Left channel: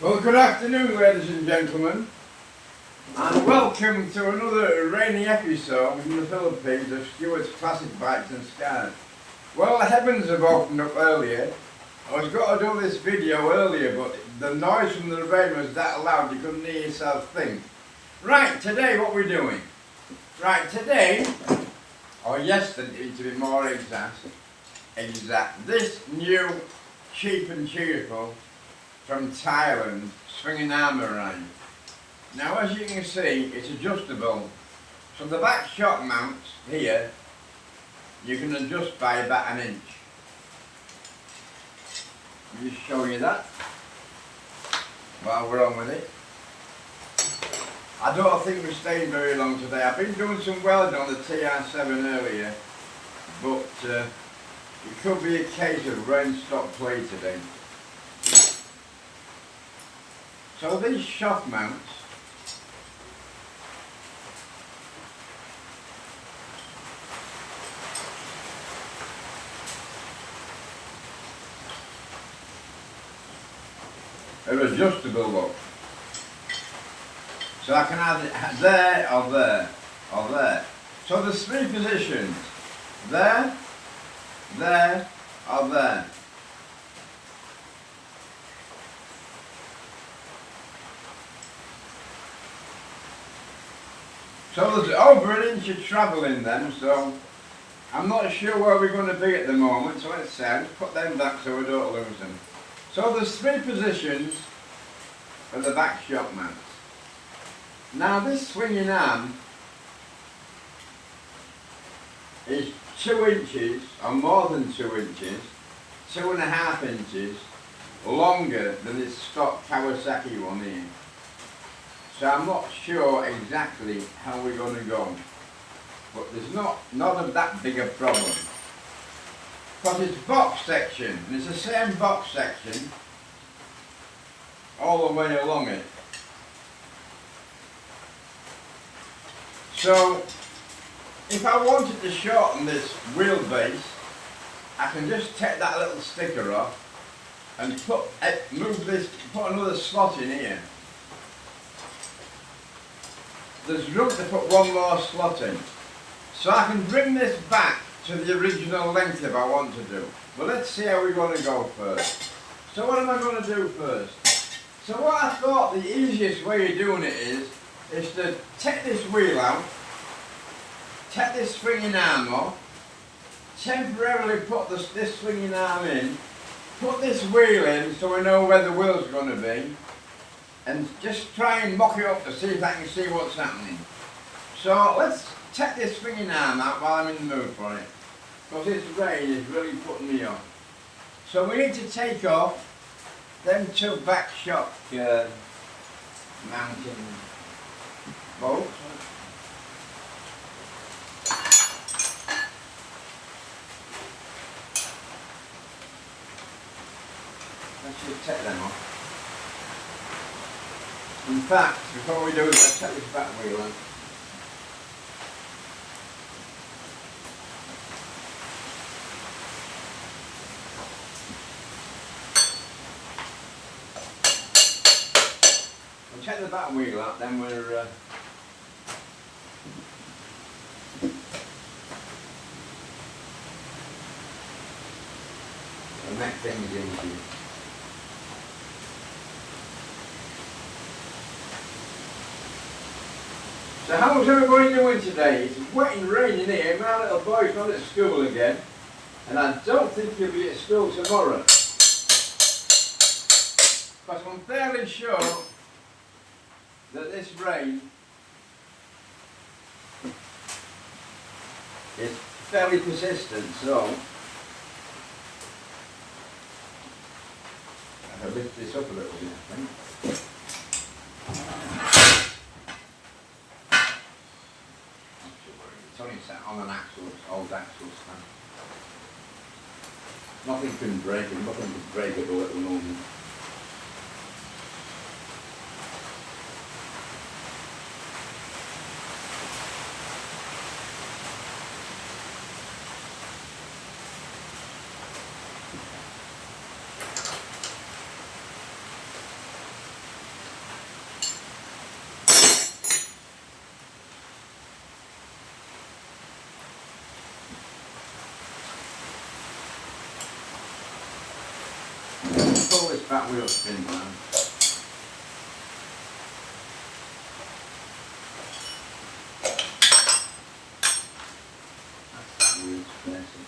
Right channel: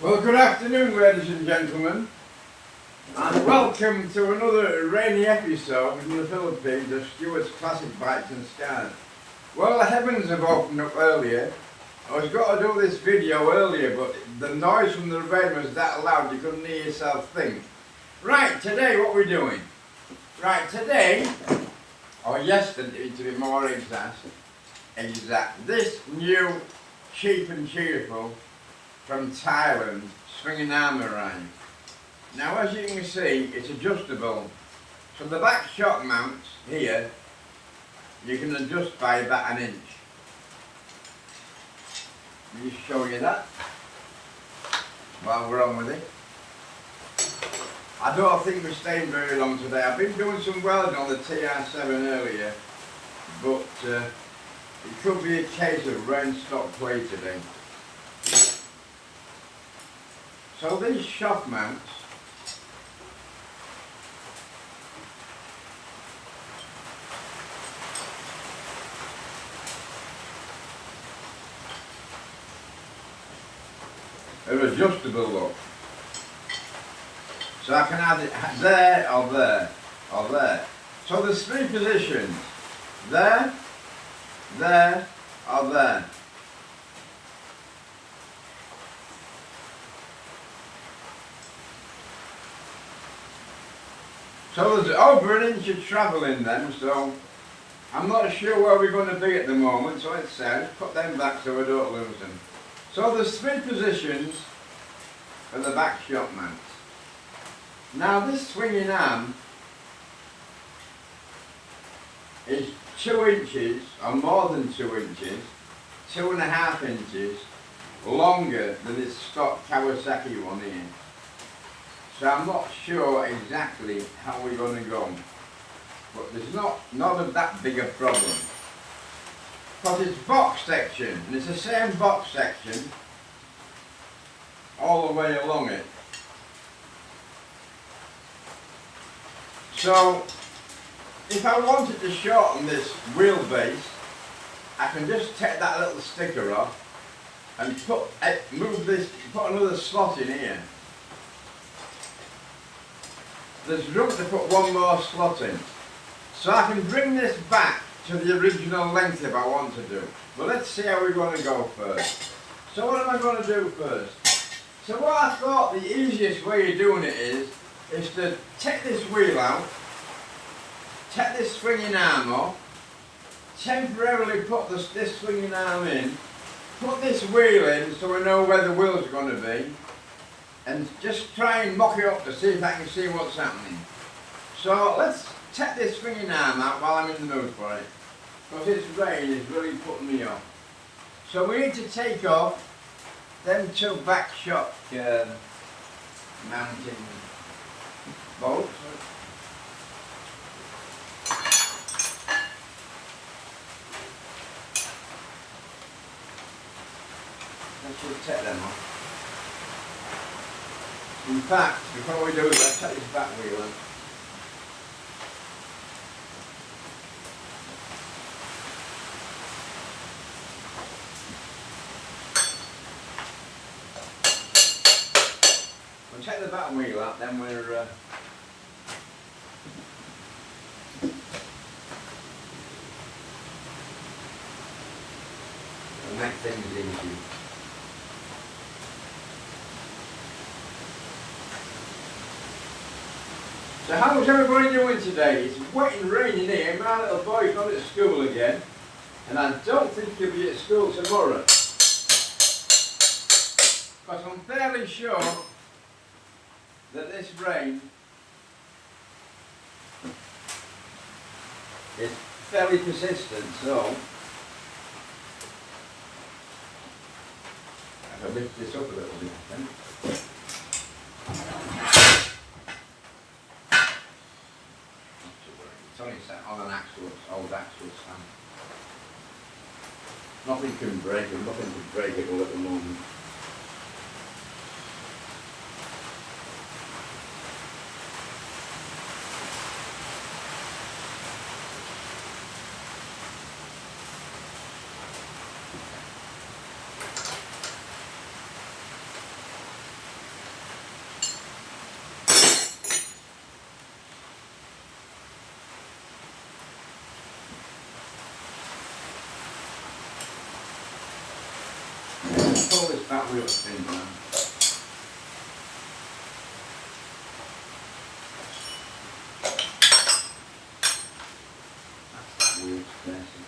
Well, good afternoon, ladies and gentlemen, and welcome to another rainy episode in the Philippines of Stuart's Classic Bikes and Scars. Well, the heavens have opened up earlier. I was going to do this video earlier, but the noise from the rain was that loud you couldn't hear yourself think. Right, today what we're doing? Right, today, or yesterday to be more exact, this new cheap and cheerful from Thailand swinging arm arrived. Now, as you can see, it's adjustable. So the back shock mounts here, you can adjust by about an inch. Let me just show you that while we're on with it. I don't think we're staying very long today. I've been doing some welding on the TR7 earlier, but it could be a case of rain stop play today. So these shock mounts are adjustable, look. So I can have it there or there or there. So there's three positions. There, there or there. So there's over an inch of travel in them, so I'm not sure where we're going to be at the moment, so let's put them back so we don't lose them. So there's three positions for the back shock mount. Now this swinging arm is 2 inches, or more than 2 inches, 2.5 inches longer than this stock Kawasaki one here. So I'm not sure exactly how we're going to go, but there's not that big a problem, because it's box section, and it's the same box section all the way along it. So if I wanted to shorten this wheelbase, I can just take that little sticker off and put another slot in here. There's room to put one more slot in. So I can bring this back to the original length if I want to do. But let's see how we're going to go first. So what am I going to do first? So what I thought the easiest way of doing it is to take this wheel out, take this swinging arm off, temporarily put this swinging arm in, put this wheel in so we know where the wheel's going to be, and just try and mock it up to see if I can see what's happening. So let's take this swinging arm out while I'm in the mood for it, because this rain is really putting me off. So we need to take off them two back shock mounting bolts. I should take them off. In fact, before we do it, let's take this back wheel on. We'll take the back wheel out, then we're the next thing is into. So how's everybody doing today? It's wet and raining here. My little boy's not at school again, and I don't think he'll be at school tomorrow. But I'm fairly sure that this rain is fairly persistent, so I can lift this up a little bit, I think. It's only sat on an old axle stand. Nothing can break it, nothing can break it all at the moment. Pull this back wheel spin round. That's that wheel spacing.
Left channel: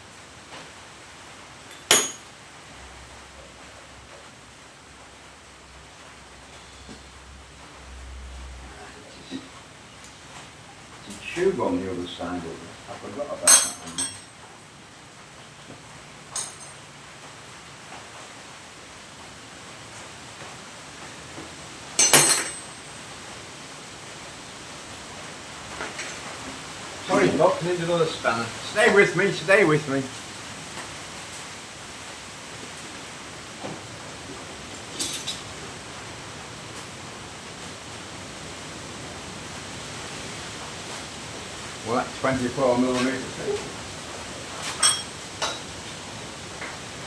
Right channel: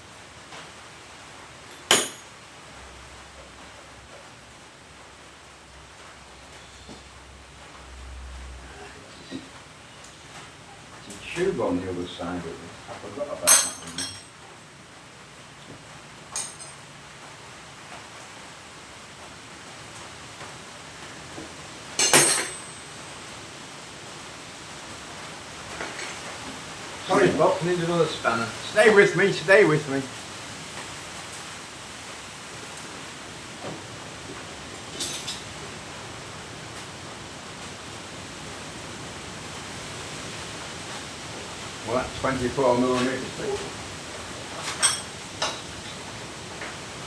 Tube on the other side of it. I forgot about that one. Sorry Bob, need another spanner. Stay with me, stay with me. Well, that's 24 millimetres.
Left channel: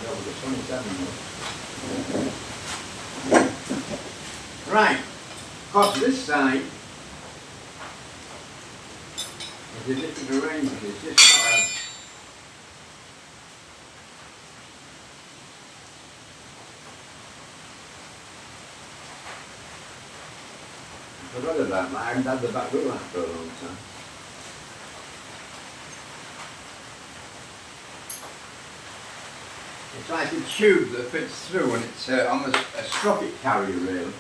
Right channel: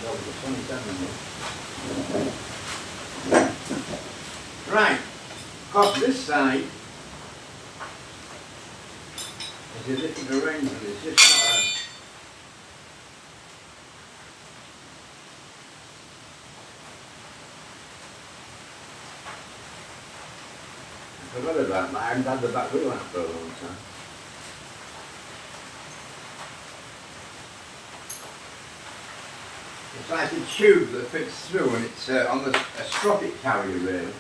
That was a 27 mil. Right, across this side is a different arrangement. It's just not a... I forgot about that. I haven't had the back wheel out for a long time. It's like a tube that fits through, and it's on a sprocket carrier really.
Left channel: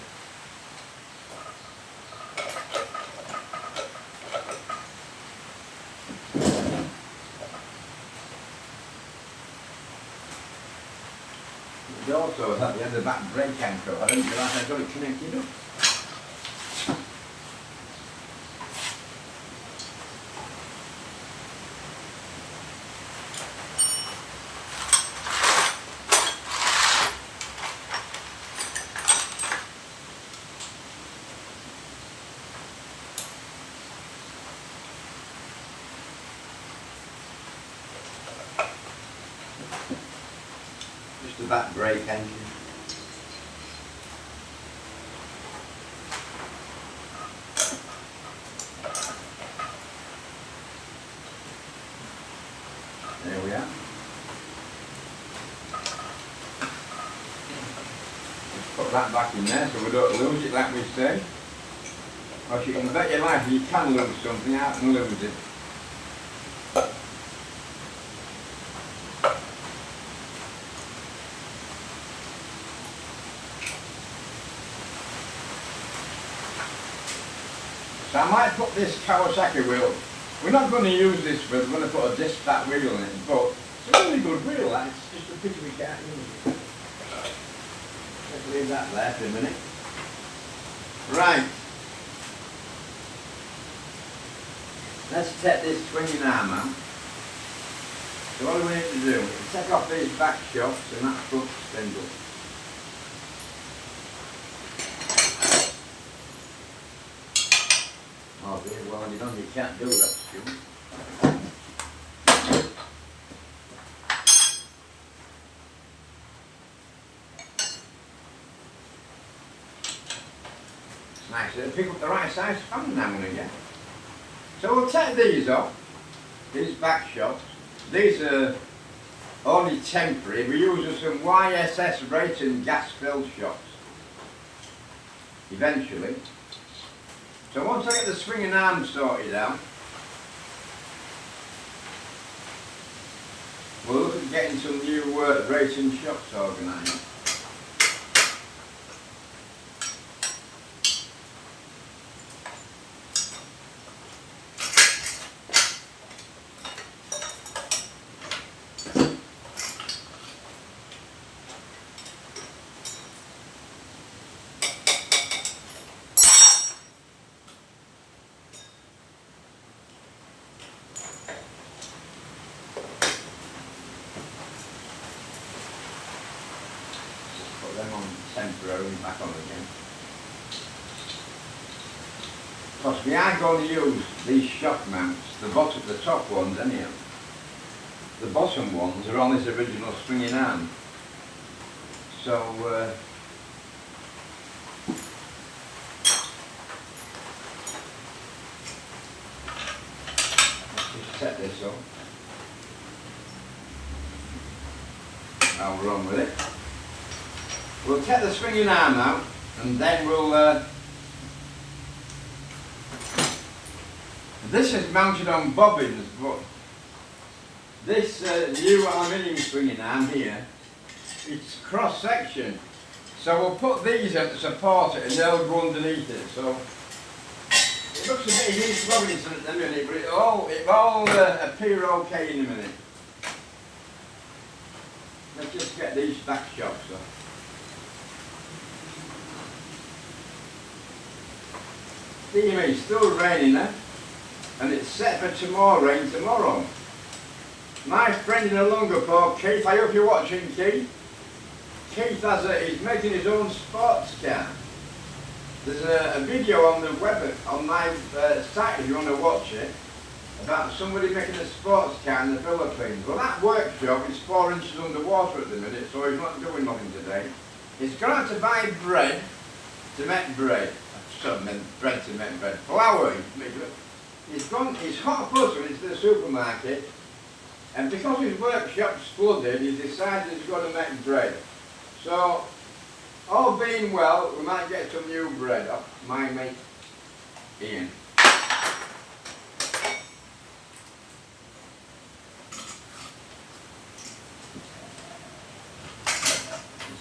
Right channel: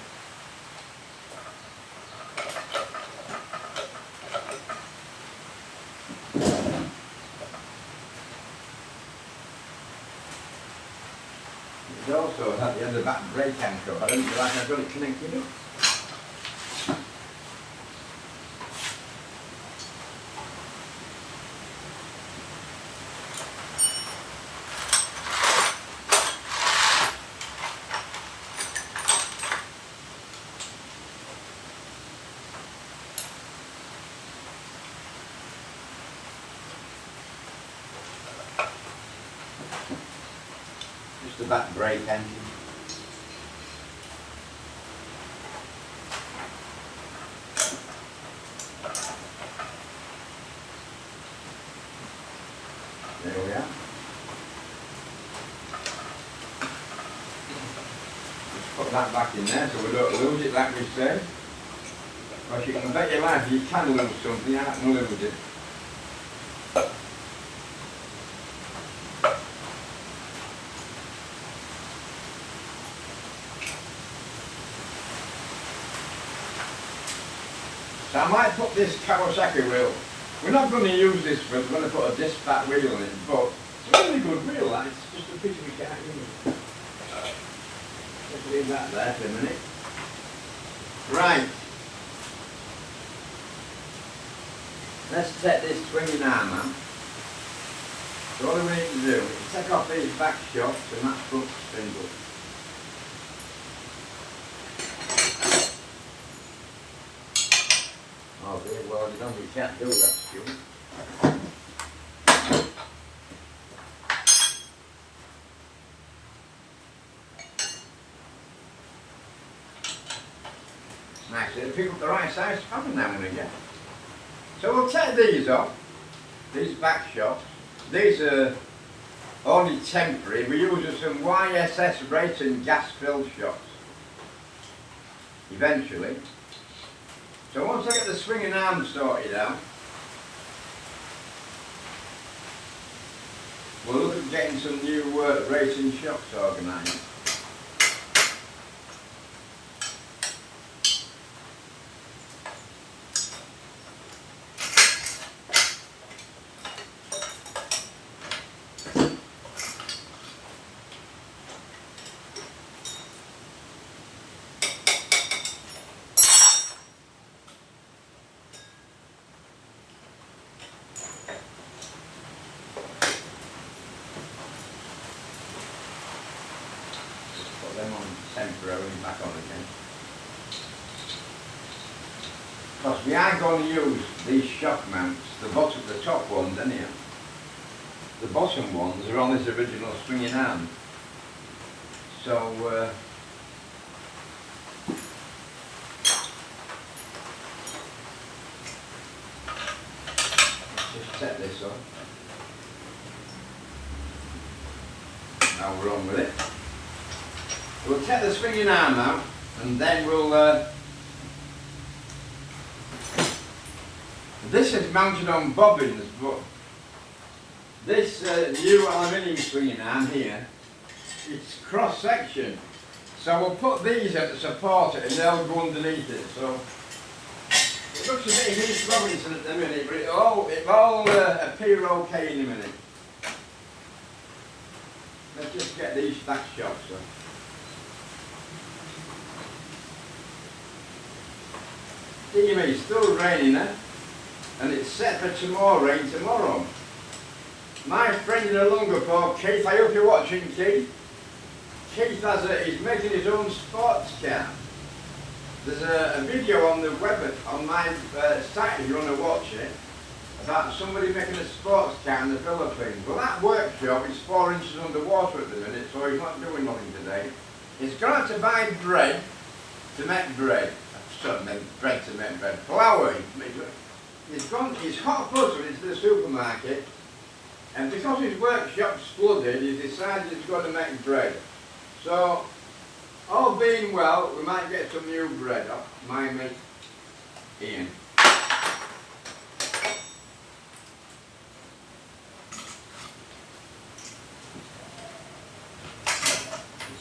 It also has the end of the back brake anchor. I didn't realise I'd got it connected up. Just the back brake engine. There we are. Just put that back in there so we don't lose it like we say. Because you can bet your life you can lose something out and lose it. So I might put this Kawasaki wheel, we're not going to use this, we're going to put a disc back wheel in it, but it's a really good wheel, that. It's just a pity we can't use. Let's leave that there for a minute. Right. Let's take this swinging arm out. So what do we need to do? Take off these back shocks and that front spindle. Oh dear, well you don't, you can't do that, Stu. It's nice to pick up the right size fan now and again. So we'll take these off, these back shocks. These are only temporary. We're using some YSS racing gas-filled shocks. Eventually. So once I get the swinging arm sorted out, we'll look at getting some new racing shocks organised. Put them on temporarily back on again. Because we are going to use these shock mounts, the top ones anyhow. The bottom ones are on this original swinging arm. So let's just set this up. Now we're on with it. We'll take the swinging arm out and then we'll this is mounted on bobbins, but this new aluminium swinging arm here, it's cross section, so we'll put these in to support it and they'll go underneath it. So it looks a bit East Robinson at the minute, but it'll appear okay in a minute. Let's just get these back shocks off. Dear me, it's still raining there, and it's set for some more rain tomorrow. My friend in Lungerport, Keith, I hope you're watching, Keith. Keith he's making his own sports car. There's a video on the web, on my site if you want to watch it, about somebody making a sports car in the Philippines. Well, that workshop is 4 inches underwater at the minute, so he's not doing nothing today. He's gone out to buy bread to make bread. Bread to make bread. Flour. He's hot button into the supermarket, and because his workshop's flooded, he decided he's going to make bread. So, all being well, we might get some new bread off my mate Ian.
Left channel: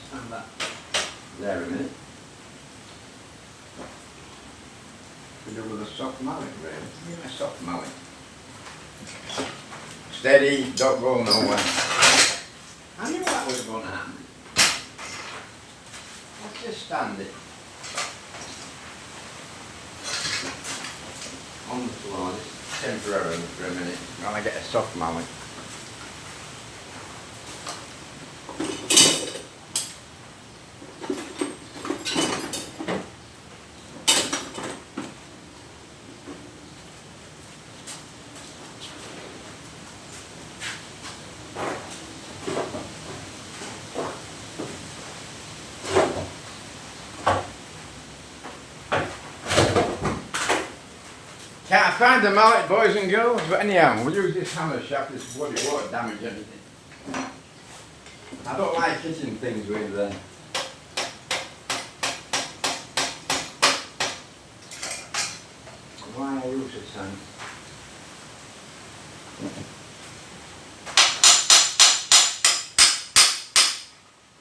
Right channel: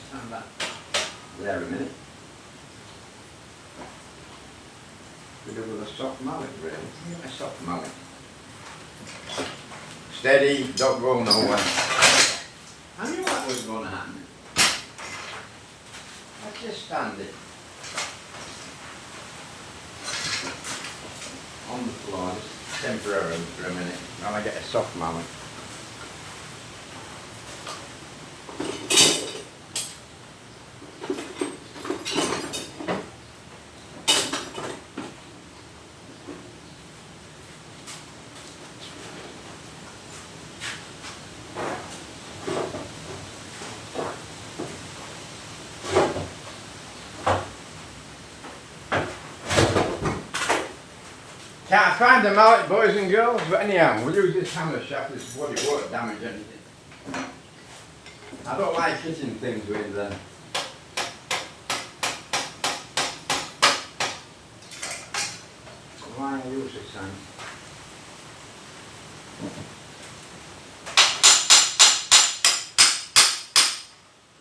Stand back there a minute. We do with a soft mallet, really. Give me a soft mallet. Steady, don't go nowhere. I knew that was going to happen. Let's just stand it on the floor, just temporarily for a minute, while I get a soft mallet. Can't find the mallet, boys and girls, but anyhow, we'll use this hammer shaft, this bloody won't damage anything. I don't like hitting things with why I use this thing.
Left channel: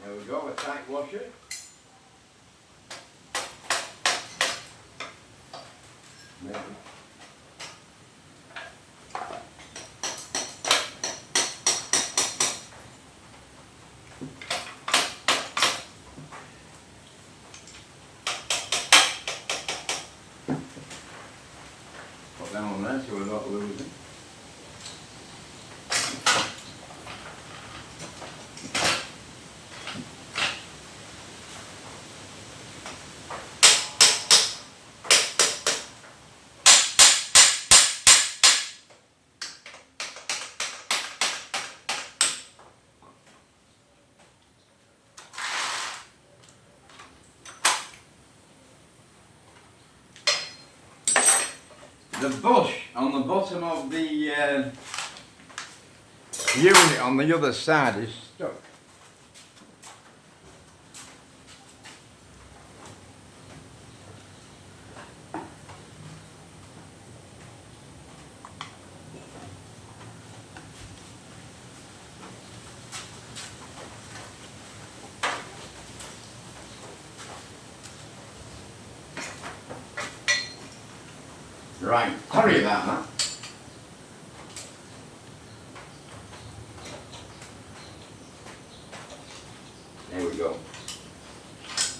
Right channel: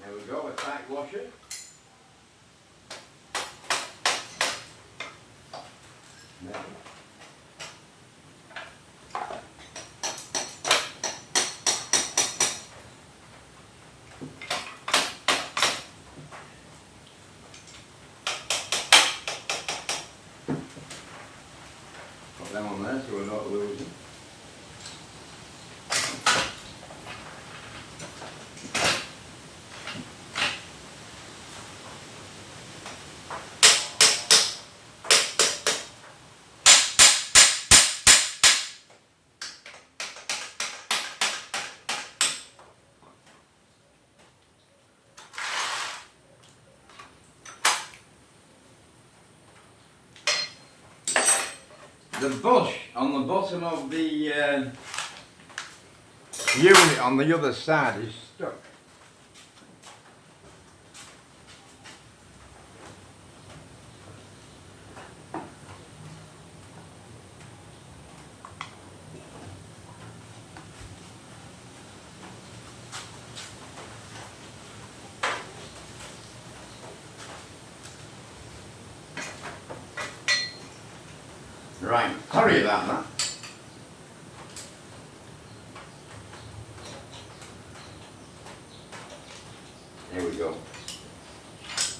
There we go, a tight washer. Maybe. Put them on there so we're not losing. The bush on the bottom of the unit on the other side is stuck. Right, sorry about that. There we go.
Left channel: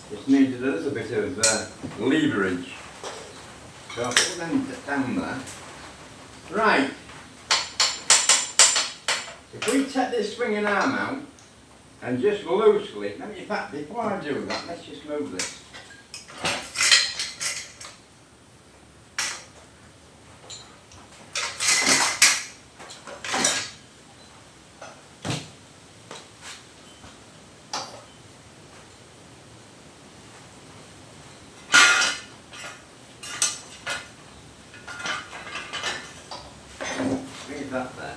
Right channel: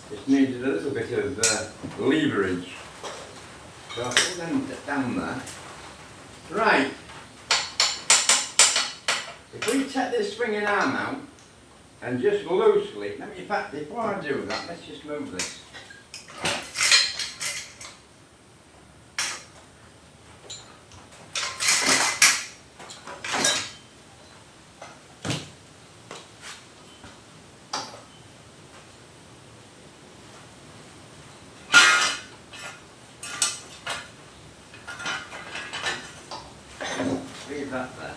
Just needed a little bit of leverage. So I'll put them down there. Right. If we take this swinging arm out and just loosely, let me, in fact, before I do that, let's just move this. Leave that there.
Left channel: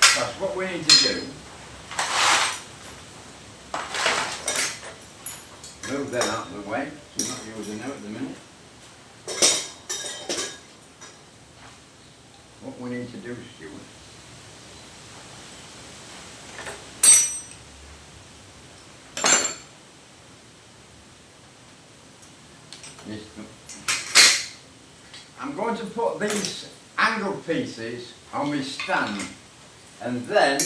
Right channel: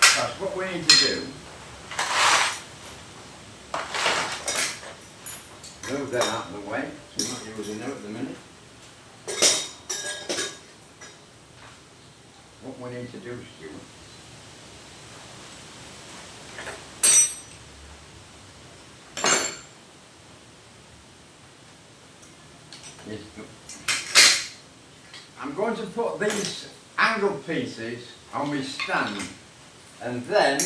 That's what we need to do Move that out of the way. So we're not using them at the minute. What we need to do, Stuart, is I'm going to put these angle pieces on my stand, and then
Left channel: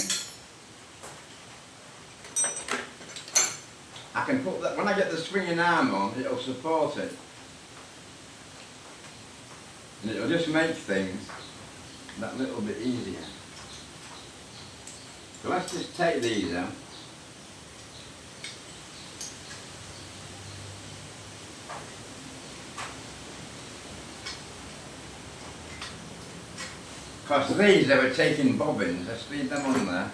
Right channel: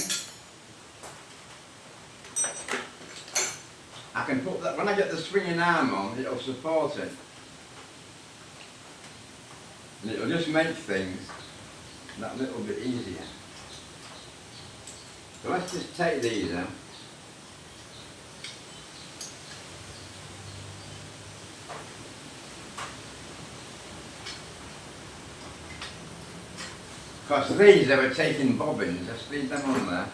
I can put that, when I get the swinging arm on, it'll support it. And it'll just make things that little bit easier. So let's just take these out. Because these, they were taking bobbins, let's leave them on there.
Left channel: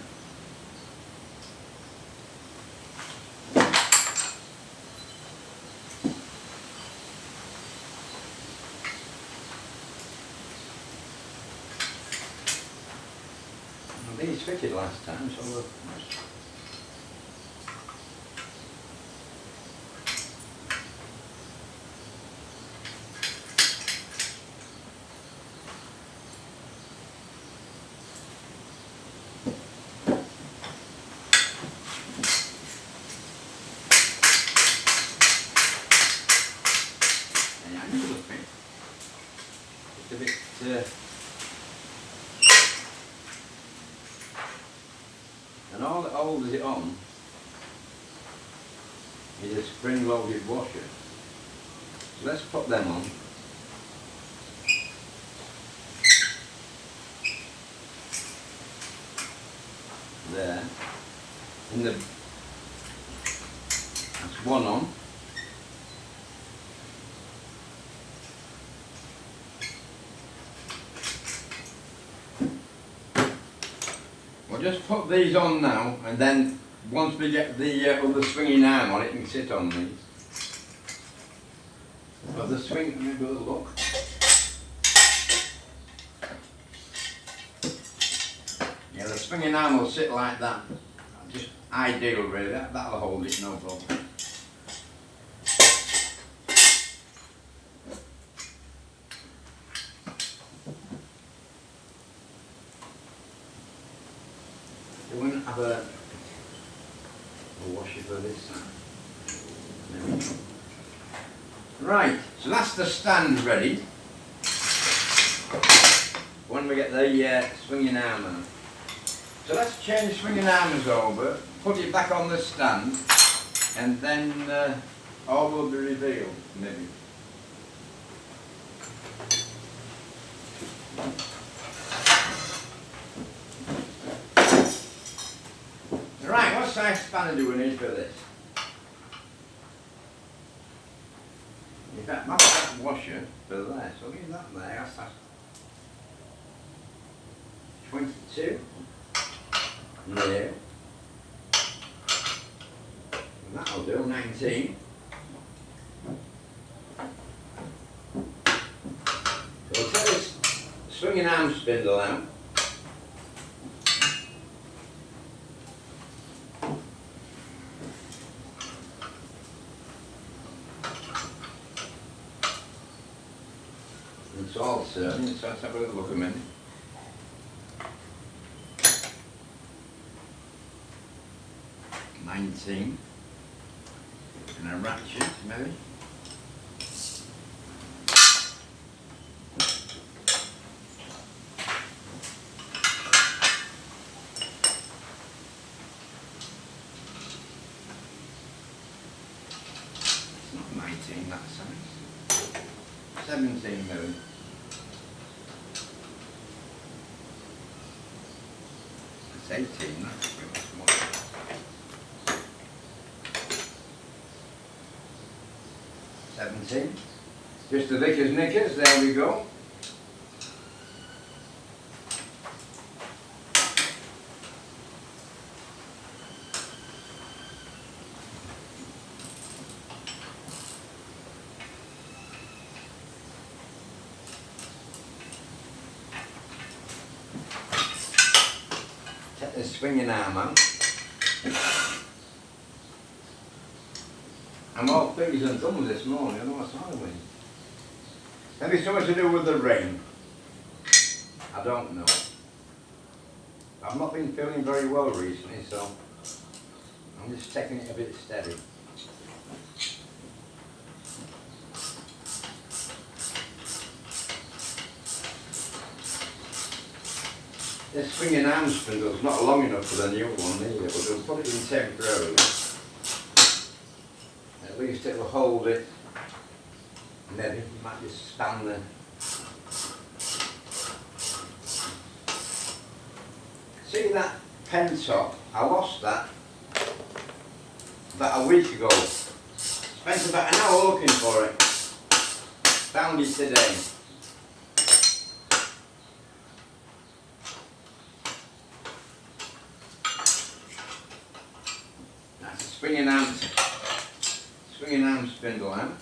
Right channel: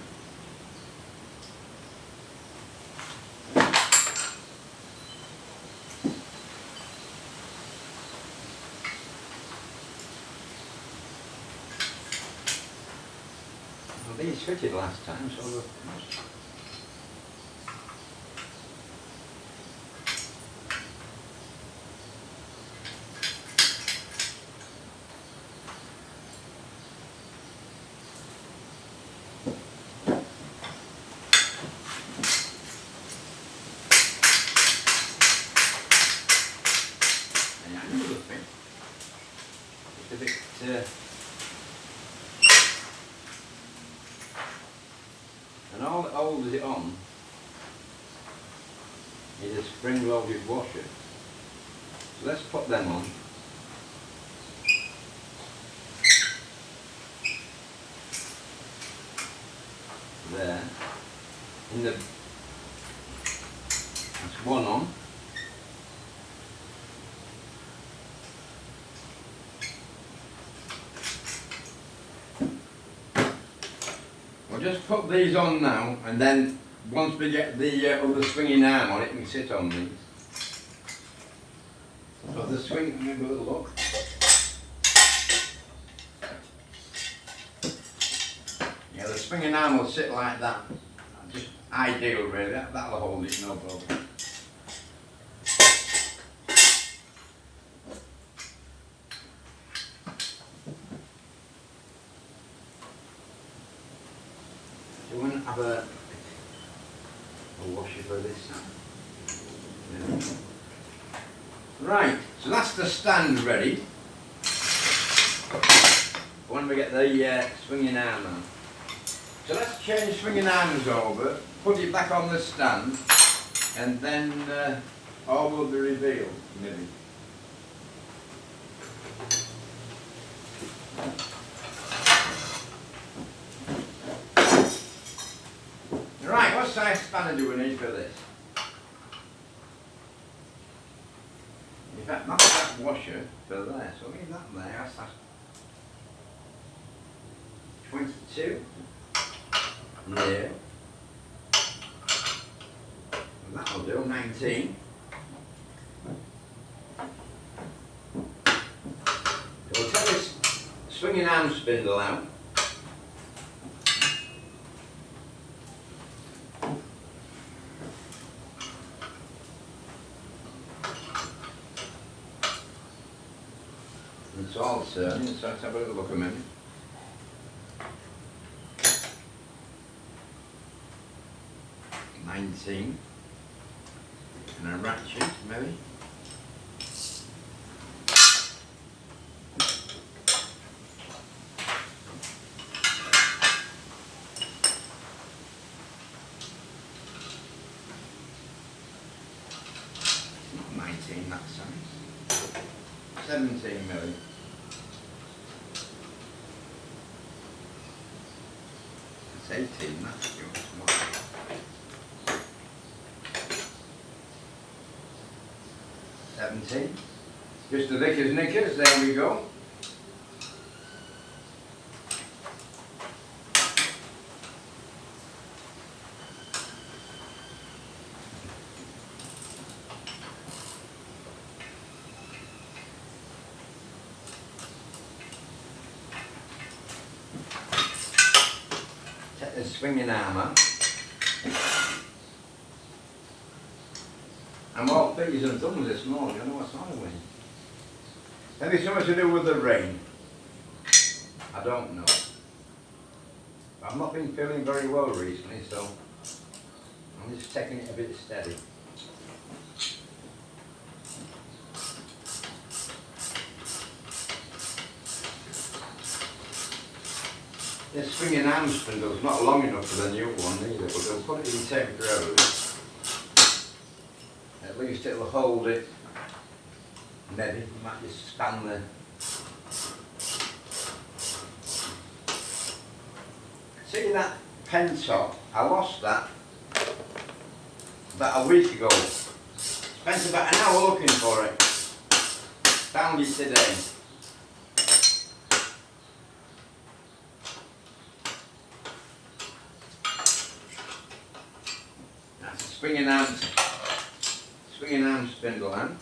Well, these fitted last time, so look. It's a bit and all that holds it on is a spring-loaded washer. So let's put them on. There. That's one on. We'll just put these on now, and then once we get the other swinging arm on, it can sit on these. But the swing, let me have a little look. Yeah, the swinging arm will sit like that. Just ideal, really. That'll hold it, no problem. You wouldn't have a washer for this side. There we go. Right, so that's the stand ready. When we get the swinging arm on. So let's change swinging arms over, put it back on the stand, and then all will be revealed, maybe. Right, what size spanner do we need for this? In fact, that's that washer for there, so leave that there, that's 22. Yeah. That'll do, 19. So we'll take this swinging arm spindle out. It's all certain, so let's have a little look a minute. And a ratchet, maybe. It's not 19 that size. 17 maybe. It's 18, that's good. 17. Just the thick as knickers, there we go. Take the swinging arm out. I'm all fingers and thumbs this morning, I know what's wrong with me. Maybe something to do with the rain. I don't know. I've not been feeling very well recently, so I'm just taking it a bit steady. This swinging arm spindle's not long enough for the new one either, but we'll put it in temporarily. At least it'll hold it. Maybe we might just stand there. See that pen top? I lost that about a week ago. Spent about an hour looking for it. Found it today. That's a swinging arm spindle hand.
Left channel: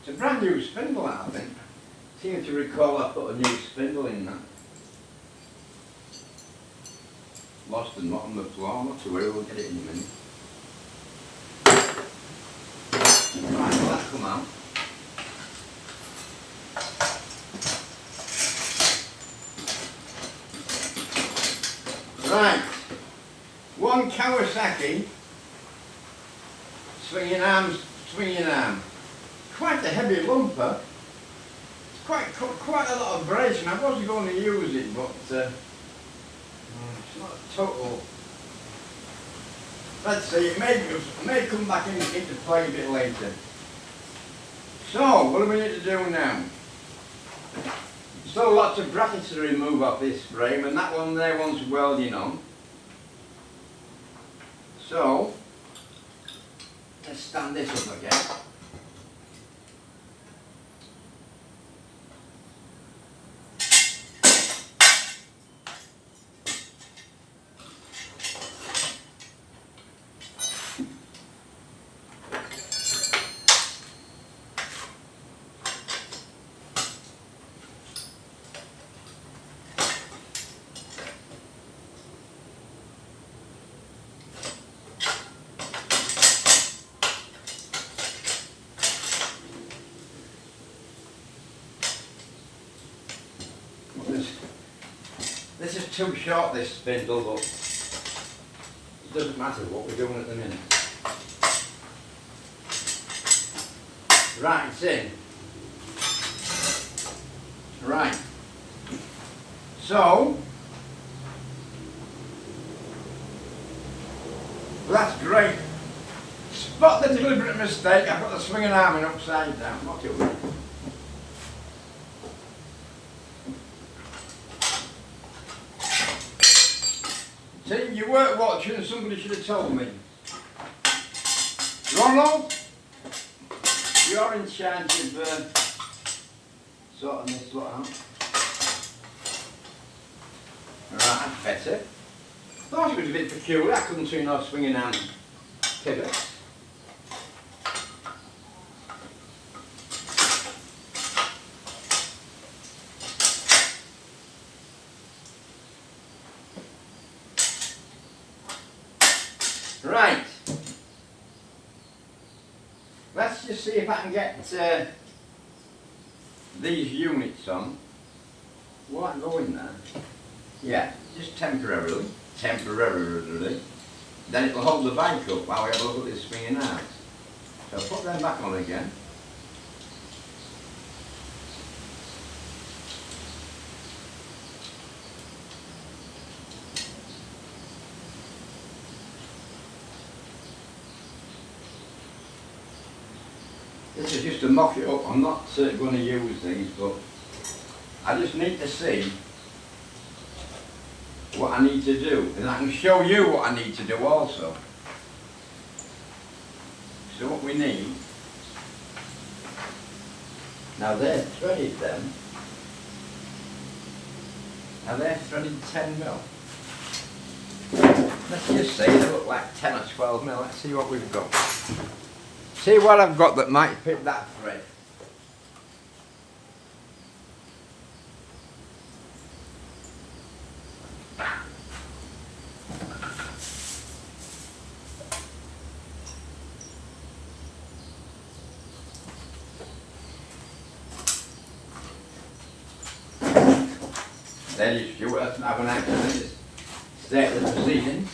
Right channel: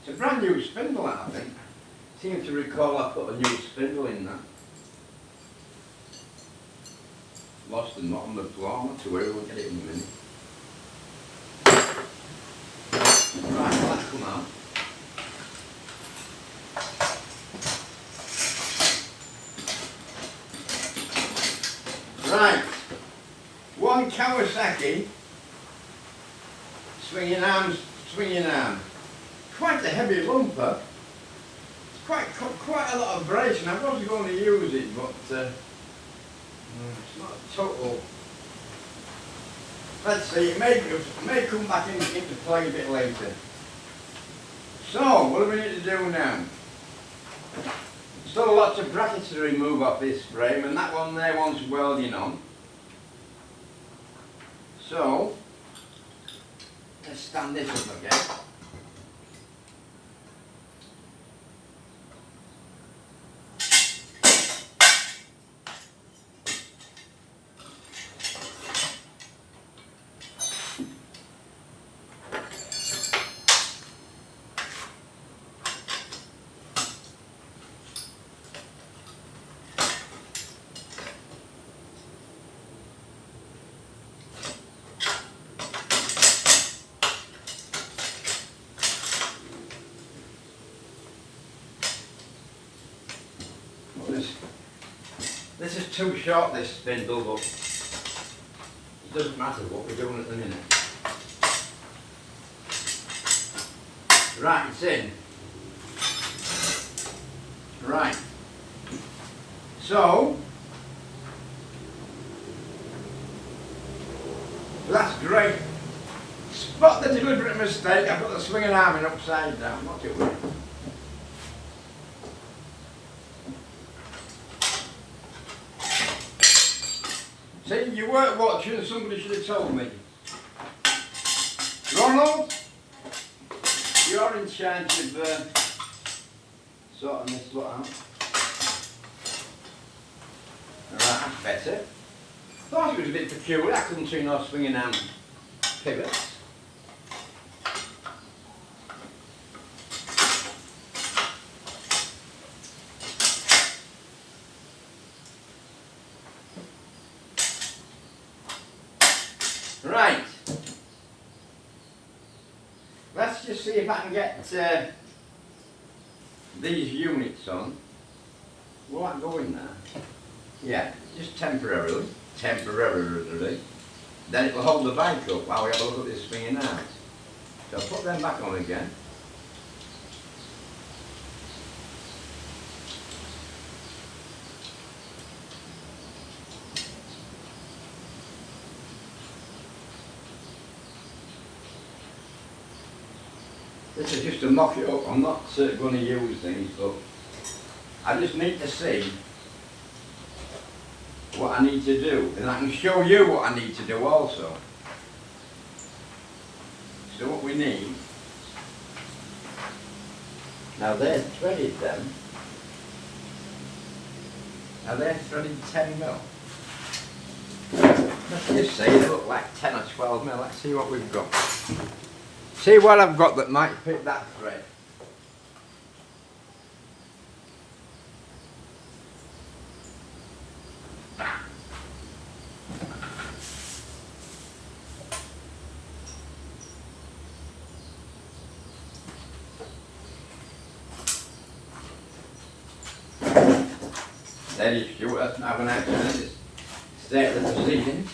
It's a brand new spindle, I think. I seem to recall I put a new spindle in that. Lost and not on the floor, not to worry, we'll get it in a minute. Right, well that's come out. Right, one Kawasaki swinging arm. Quite a heavy lumper. It's quite a lot of abrasion. I was going to use it, but it's not a total. Let's see, it may come back into play a bit later. So, what do we need to do now? Still lots of brackets to remove off this frame, and that one there wants welding on. So, let's stand this up again. This is too short, this spindle, but it doesn't matter what we're doing at the minute. Right, it's in. Right. So, that's great. Spot the deliberate mistake, I put the swinging arm in upside down, not too worried. See, you weren't watching, somebody should have told me. Ronald, you're in charge of sorting this lot out. Alright, that's better. Thought it was a bit peculiar, I couldn't see no swinging arm pivots. Right, let's just see if I can get these units on. Will that go in there? Yeah, just temporarily. Then it'll hold the bike up while we have a look at this swinging arm. So I'll put them back on again. This is just to mock it up. I'm not going to use these, but I just need to see what I need to do, and I can show you what I need to do also. So what we need, now they're threaded them. Now they're threaded 10mm. Let's just say they look like 10 or 12mm. Let's see what we've got. See what I've got that might fit that thread. steady, Stuart, let's not have an accident. State of the proceedings.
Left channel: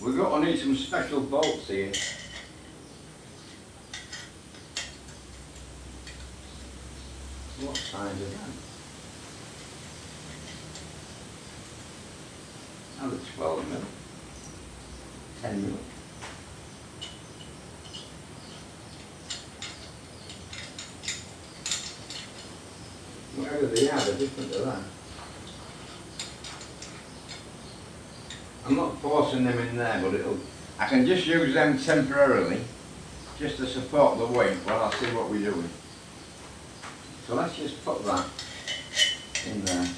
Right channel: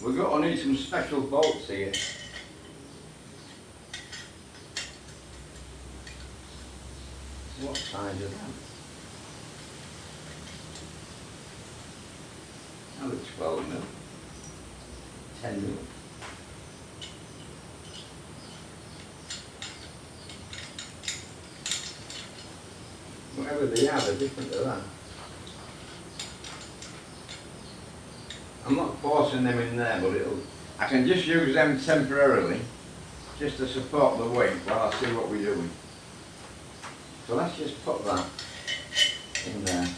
We're going to need some special bolts here. What size is that? That looks 12 mil. 10 mil. Whatever they are, they're different to that. I'm not forcing them in there, but I can just use them temporarily, just to support the weight while I see what we're doing. So let's just put that in there.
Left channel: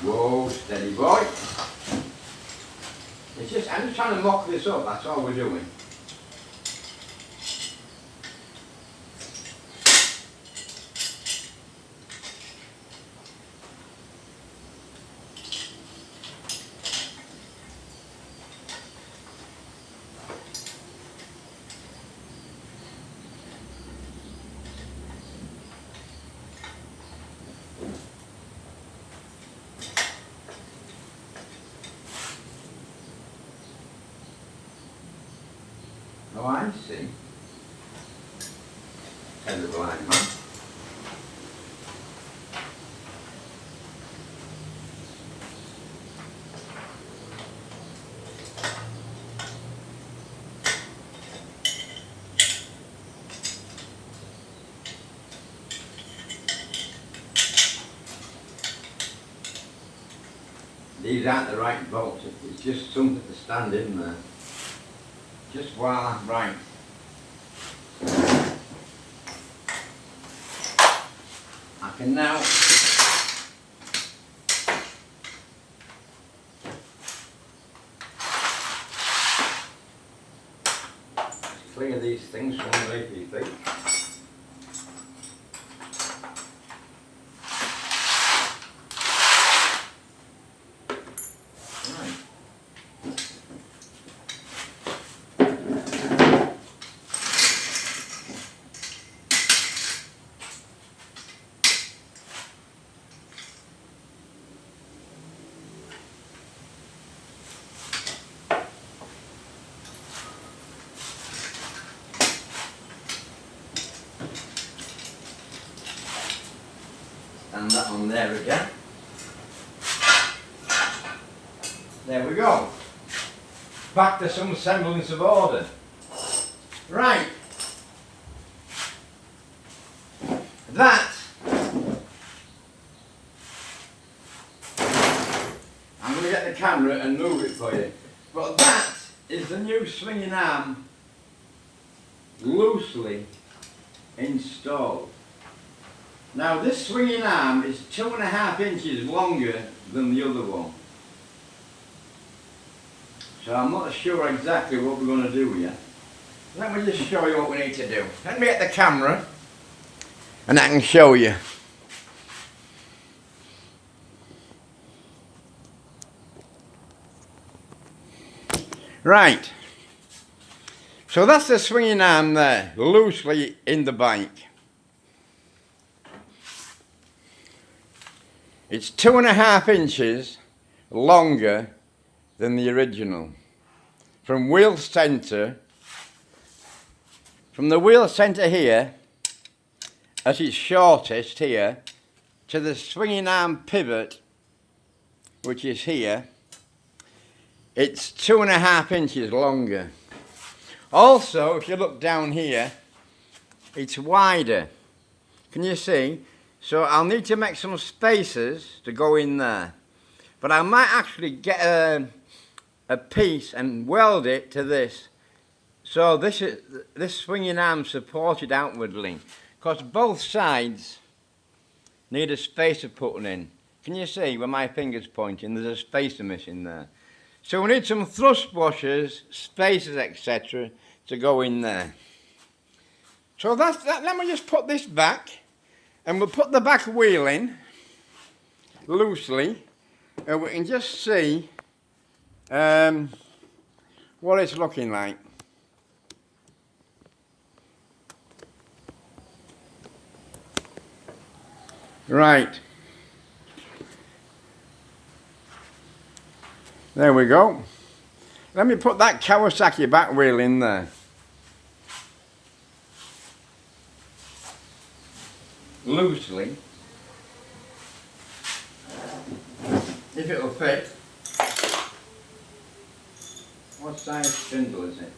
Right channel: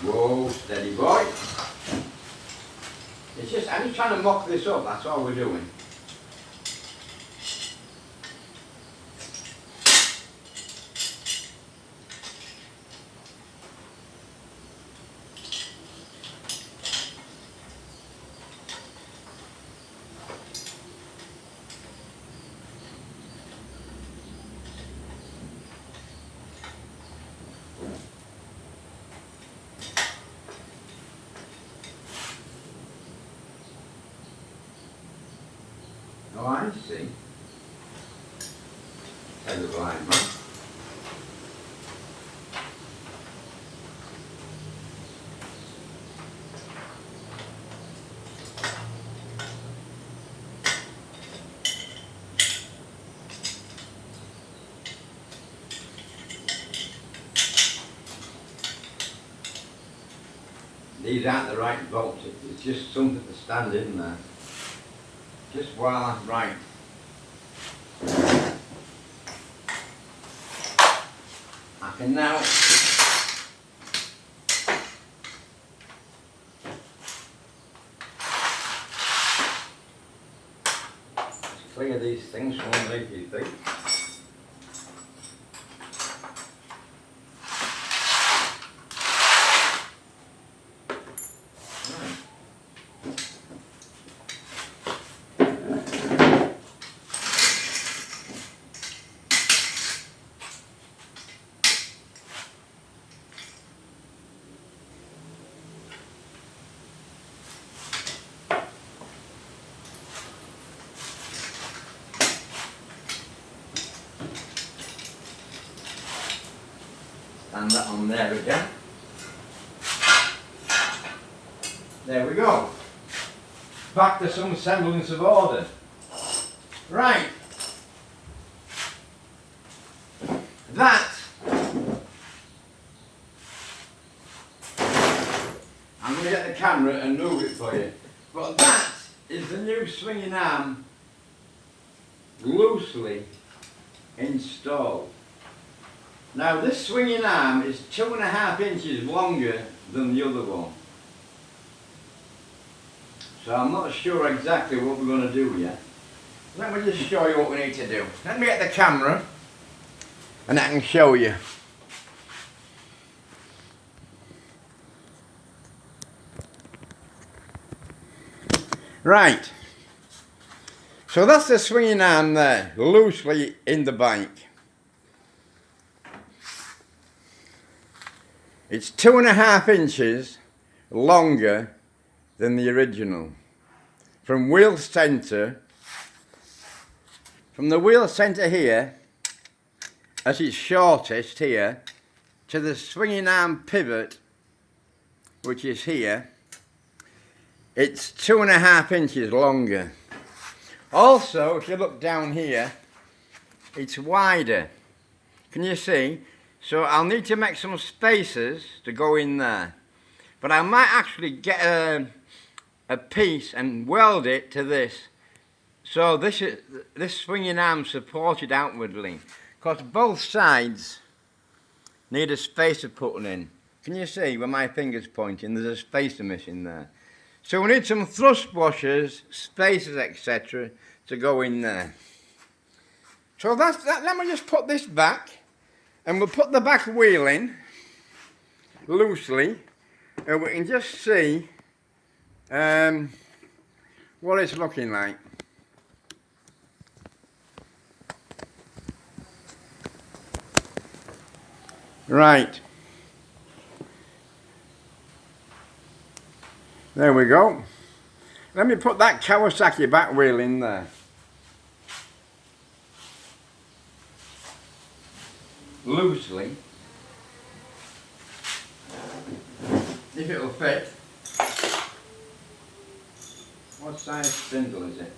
Whoa, steady boy. I'm just trying to mock this up, that's all we're doing. Oh, I see. Tell the blind man. These aren't the right bolts, it's just something to stand in there. Just while I'm right. I can now clear these things from underneath your feet. And that on there again. There we go. Back to some semblance of order. Right. That. I'm going to get the camera and move it for you. But that is the new swinging arm loosely installed. Now this swinging arm is 2.5 inches longer than the other one. So I'm not sure exactly what we're going to do yet. Let me just show you what we need to do. Let me get the camera and I can show you. Right. So that's the swinging arm there, loosely in the bike. It's 2.5 inches longer than the original. From wheel centre, from the wheel centre here, at its shortest here, to the swinging arm pivot, which is here, it's 2.5 inches longer. Also, if you look down here, it's wider. Can you see? So I'll need to make some spaces to go in there. But I might actually get a piece and weld it to this. So this swinging arm supported outwardly. Because both sides need a spacer putting in. Can you see where my finger's pointing? There's a spacer missing there. So we need some thrust washers, spacers, etc. to go in there. So that's that. Let me just put this back. And we'll put the back wheel in, loosely, we can just see what it's looking like. Right. There we go. Let me put that Kawasaki back wheel in there. Loosely. If it'll fit. What size spindle is it?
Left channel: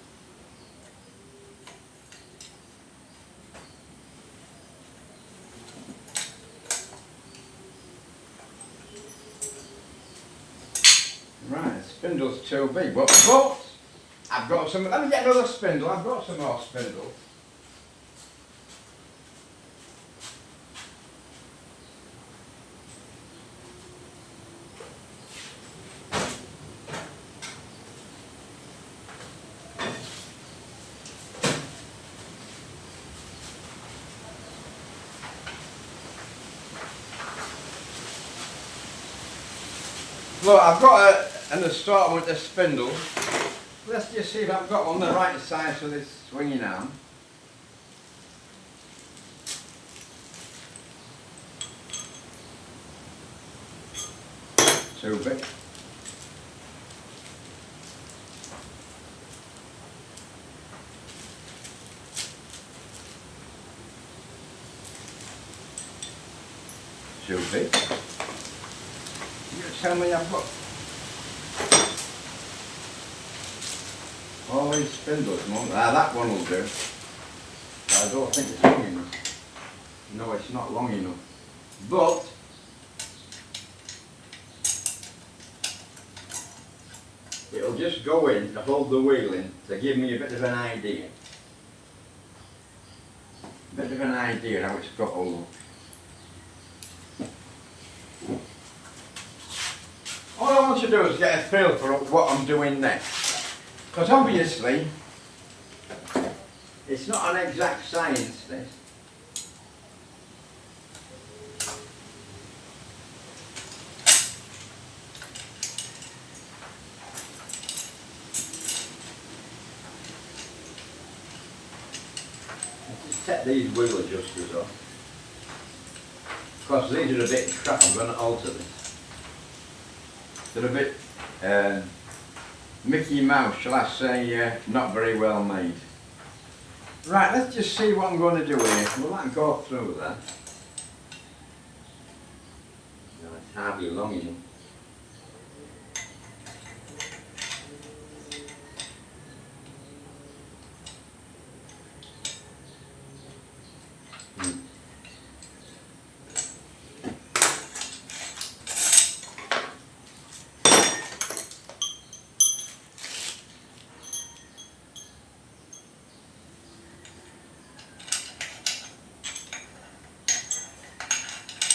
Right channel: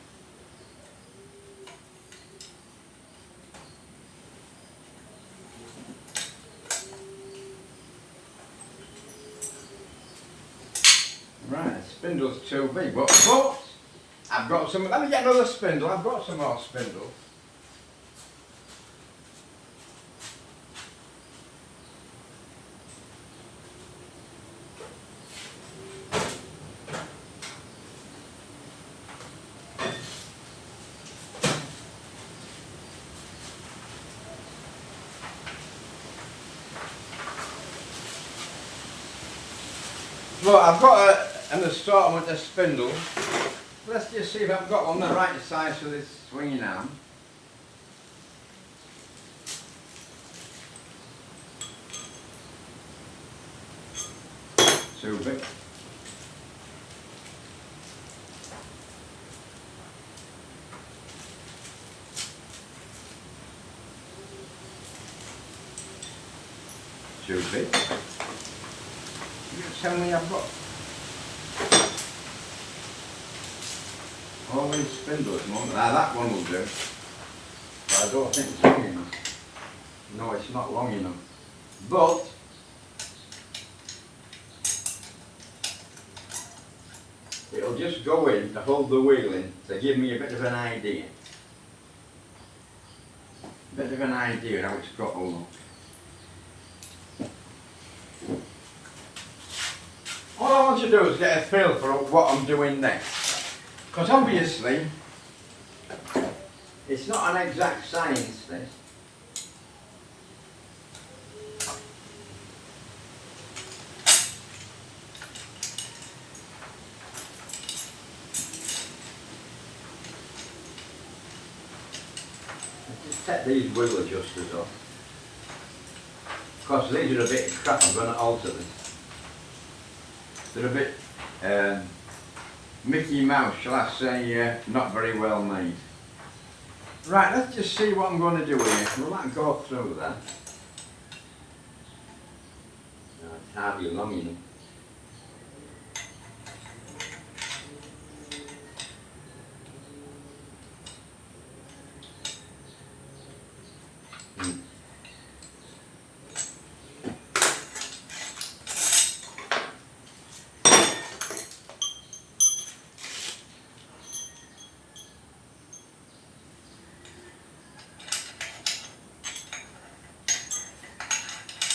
Right, the spindle's too big, but I've got some. Let me get another spindle. I've got some more spindles. Look, I've got an assortment of spindles. Let's just see if I've got one the right size for this swinging arm. Too big. Too big. Tell me I've got all these spindles. That one will do. But I don't think it's long enough. No, it's not long enough. But it'll just go in to hold the wheel in to give me a bit of an idea. A bit of an idea how it's got to look. All I want to do is get a feel for what I'm doing next. Because obviously, it's not an exact science, this. Let's just take these wheel adjusters off. Because these are a bit crap, I'm going to alter this. They're a bit Mickey Mouse, shall I say, not very well made. Right, let's just see what I'm going to do here. Will that go through there? No, it's hardly long enough.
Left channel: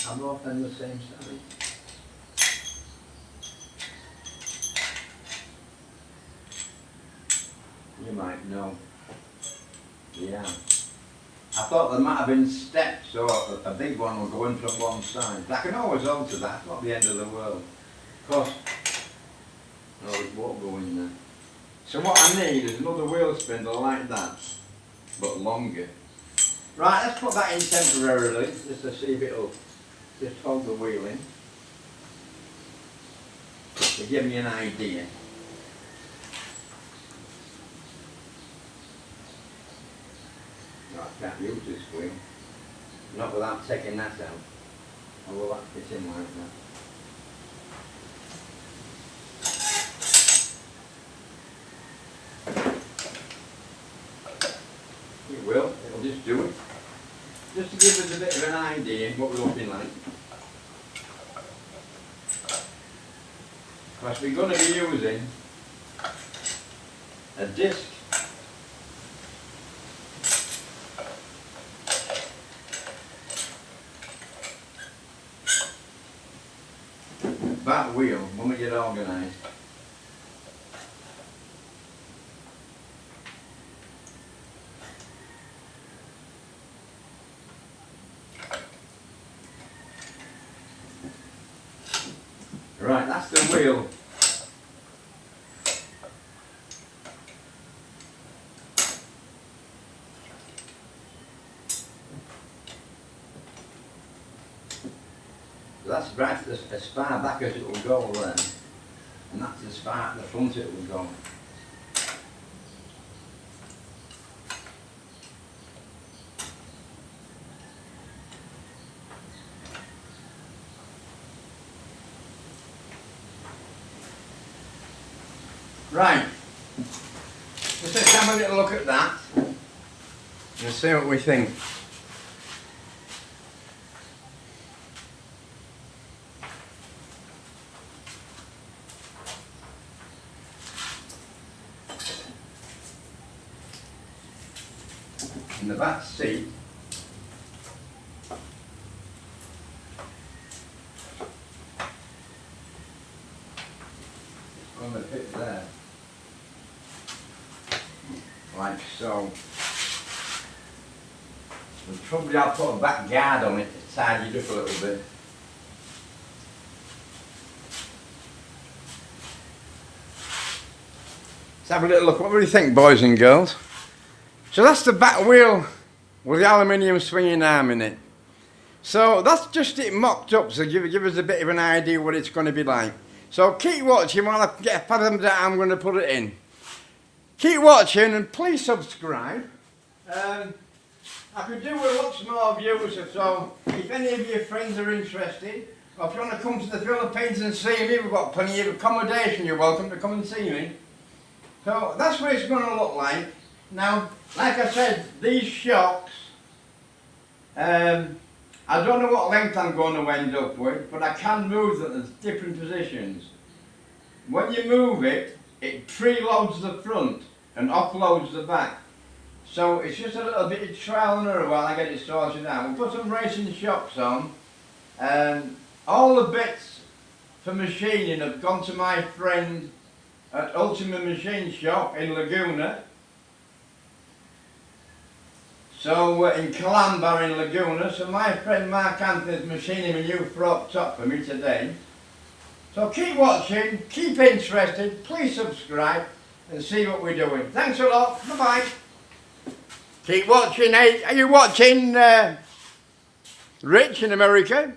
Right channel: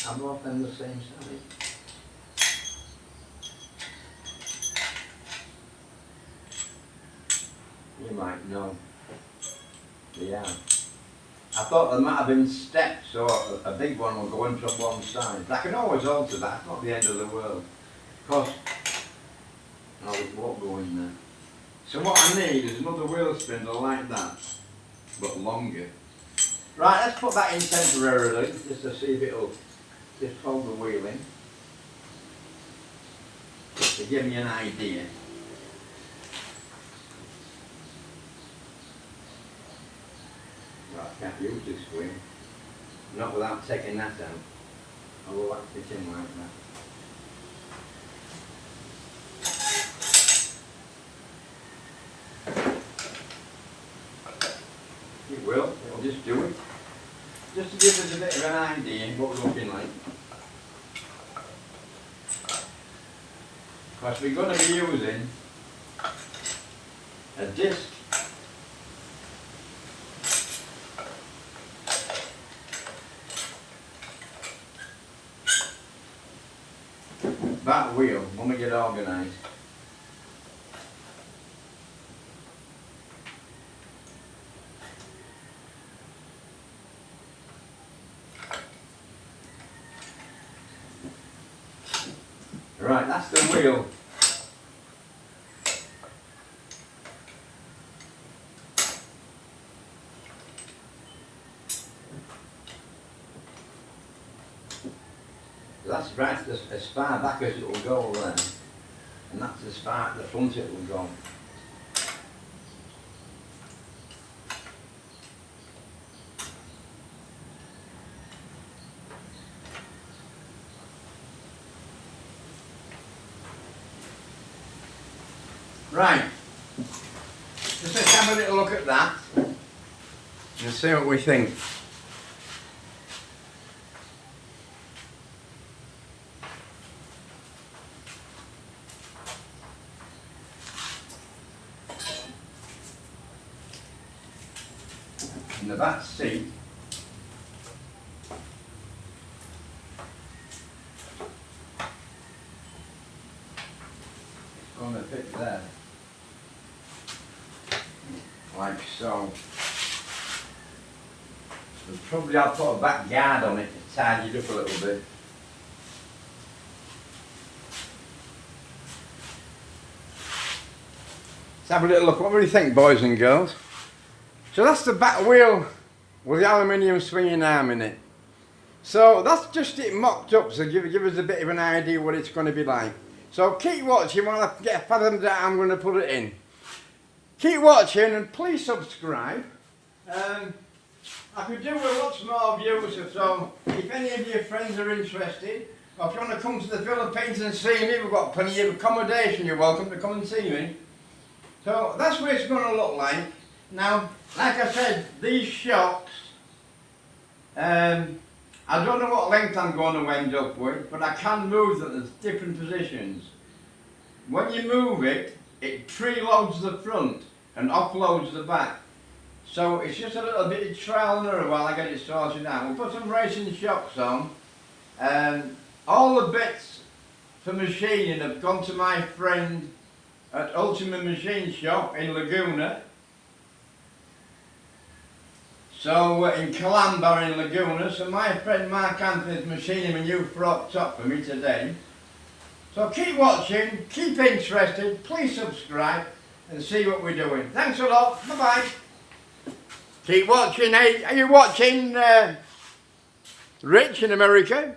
I'm both on the same side. You might know. Yeah. I thought there might have been steps, so a big one will go in from one side. I can always alter that, it's not the end of the world. Of course, no, it won't go in there. So what I need is another wheel spindle like that, but longer. Right, let's put that in temporarily, just to see if it'll just hold the wheel in, to give me an idea. Well, I can't use this wheel, not without taking that out. I will that fit in like that. It will, it'll just do it. Just to give us a bit of an idea what we're looking like. Because we're going to be using a disc that wheel when we get organised. Right, that's the wheel. That's right as far back as it will go then, and that's as far at the front it will go. Right, just let's have a little look at that and see what we think. In the back seat, it's going to fit there, like so. We'll probably have to put a back guard on it to tidy it up a little bit. Let's have a little look. What do you think, boys and girls? So that's the back wheel with the aluminium swinging arm in it. So that's just it mocked up, so give us a bit of an idea what it's going to be like. So keep watching while I get a pattern that I'm going to put it in. Keep watching and please subscribe. I could do with lots more views, so if any of your friends are interested, or if you want to come to the Philippines and see me, we've got plenty of accommodation, you're welcome to come and see me. So that's what it's going to look like. Now, like I said, these shocks, I don't know what length I'm going to end up with, but I can move them in different positions. When you move it, it preloads the front and offloads the back. So it's just a little bit of trial and error while I get it sorted out. We'll put some racing shocks on. All the bits for machining have gone to my friend at Ultimate Machine Shop in Laguna. So in Calamba in Laguna. So my friend Mark Anthony's machining a new front top for me today. So keep watching, keep interested, please subscribe and see what we're doing. Thanks a lot, bye bye. Keep watching, hey, are you watching Rich in America?